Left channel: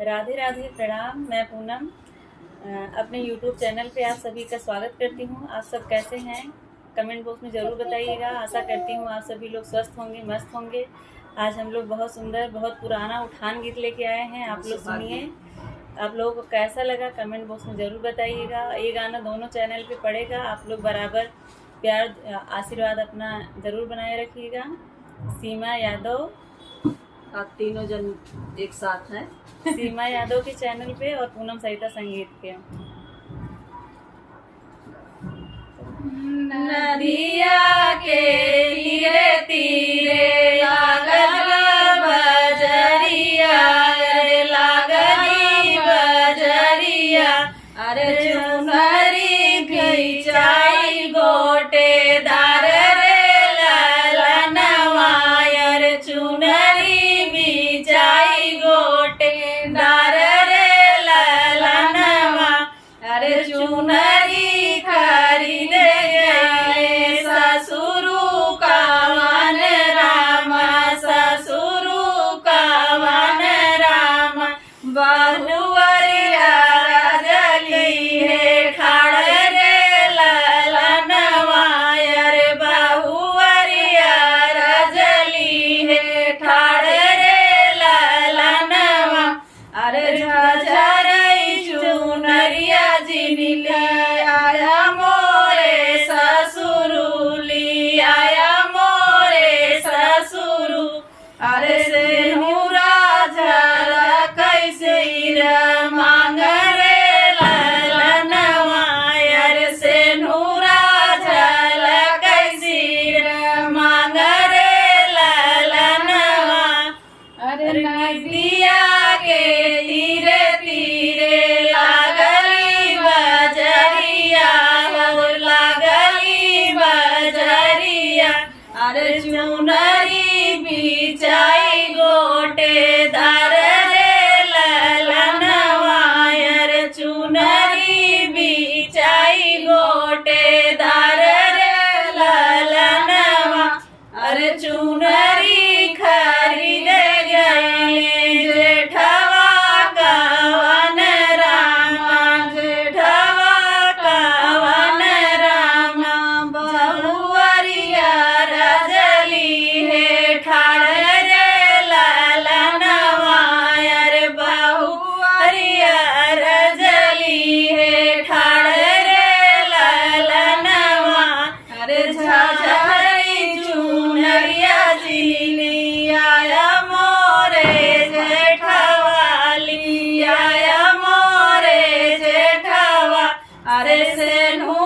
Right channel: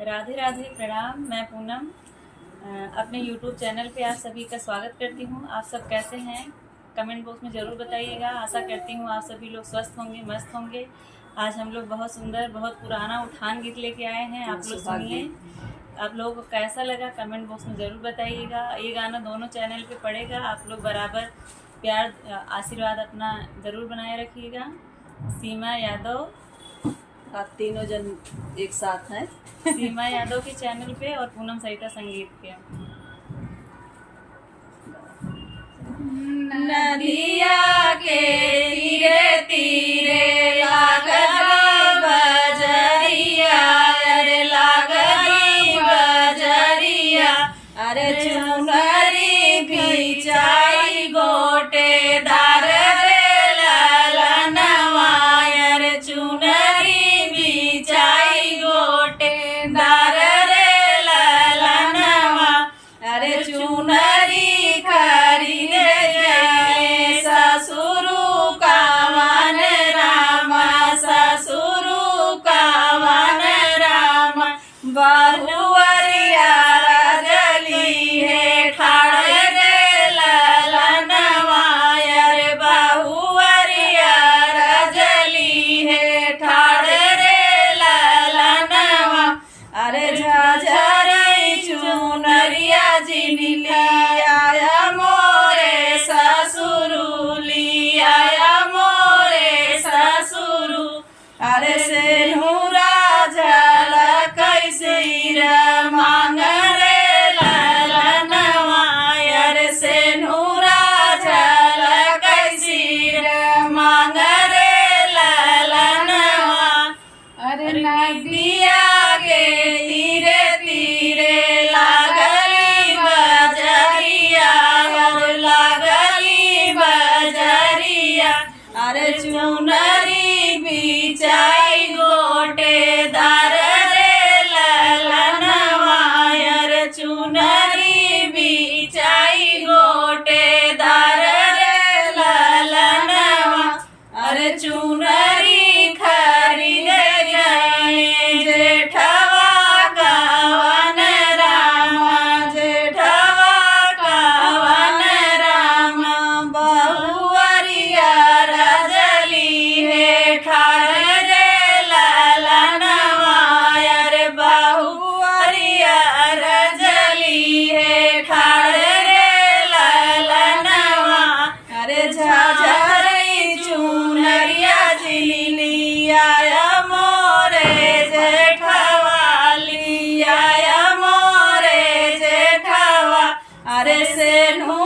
राधे राधे, प्रणाम। मैं पूनम अपने YouTube चैनल पे आप सभी का स्वागत करती हूँ। आप सब कैसे हैं? कमेंट बॉक्स में ज़रूर बताइएगा। आशा करती हूँ आप सभी लोग स्वस्थ होंगे, मस्त होंगे। आज हम लोग बहुत सुंदर, बहुत पुराना उठान गीत लेके आए हैं। आप लोग सुनिए। आप लोगों को कैसा लगा कमेंट बॉक्स में ज़रूर बताइएगा। ये गाना दोनों चैनल पे पड़ेगा। आप लोग बराबर प्यार आशीर्वाद अपना ज़रूर बनाए रखिएगा। सीमा यादव, आप तीनों जन एक साथ हैं। सीमा यादव के चैनल पे और पूनम सरिता संगीत पे। नदिया के तीरे तीरे लागल बजरिया, अरे लागल बजरिया, अरे चुनरी बिछाई गोटेदार रे ललनवा, अरे चुनरी बिछाई गोटेदार रे ललनवा, अरे चुनरी खरीद जाए ससुरु कावन रामा, ससुरु कावन रामा, बहुवरिया रजली है खाड़े रे ललनवा, अरे बहुवरिया रजली है खाड़े रे ललनवा, अरे झझरई चुनरिया जिनके आया मोरे ससुरु, ली आया मोरे ससुरु, अरे सेनुरा झलक सिर मांग रे ललनवा, अरे सेनुरा झलक सिर मांग रे ललनवा, अरे नदिया के तीरे तीरे लागली बजरिया, अरे लागली बजरिया, अरे चुनरी बिछाई गोटेदार रे ललनवा, अरे चुनरी बिछाई गोटेदार रे ललनवा, अरे चुनरी खरीद गए जेठवा कावन रामा, जेठवा कावन रामा, बहुवरिया रजली है खाड़े रे ललनवा, अरे बहुवरिया रजली है खाड़े रे ललनवा, अरे झझरई चुनरिया जिली आया मोरे जेठवा, ली आया मोरे जेठवा, अरे सेनु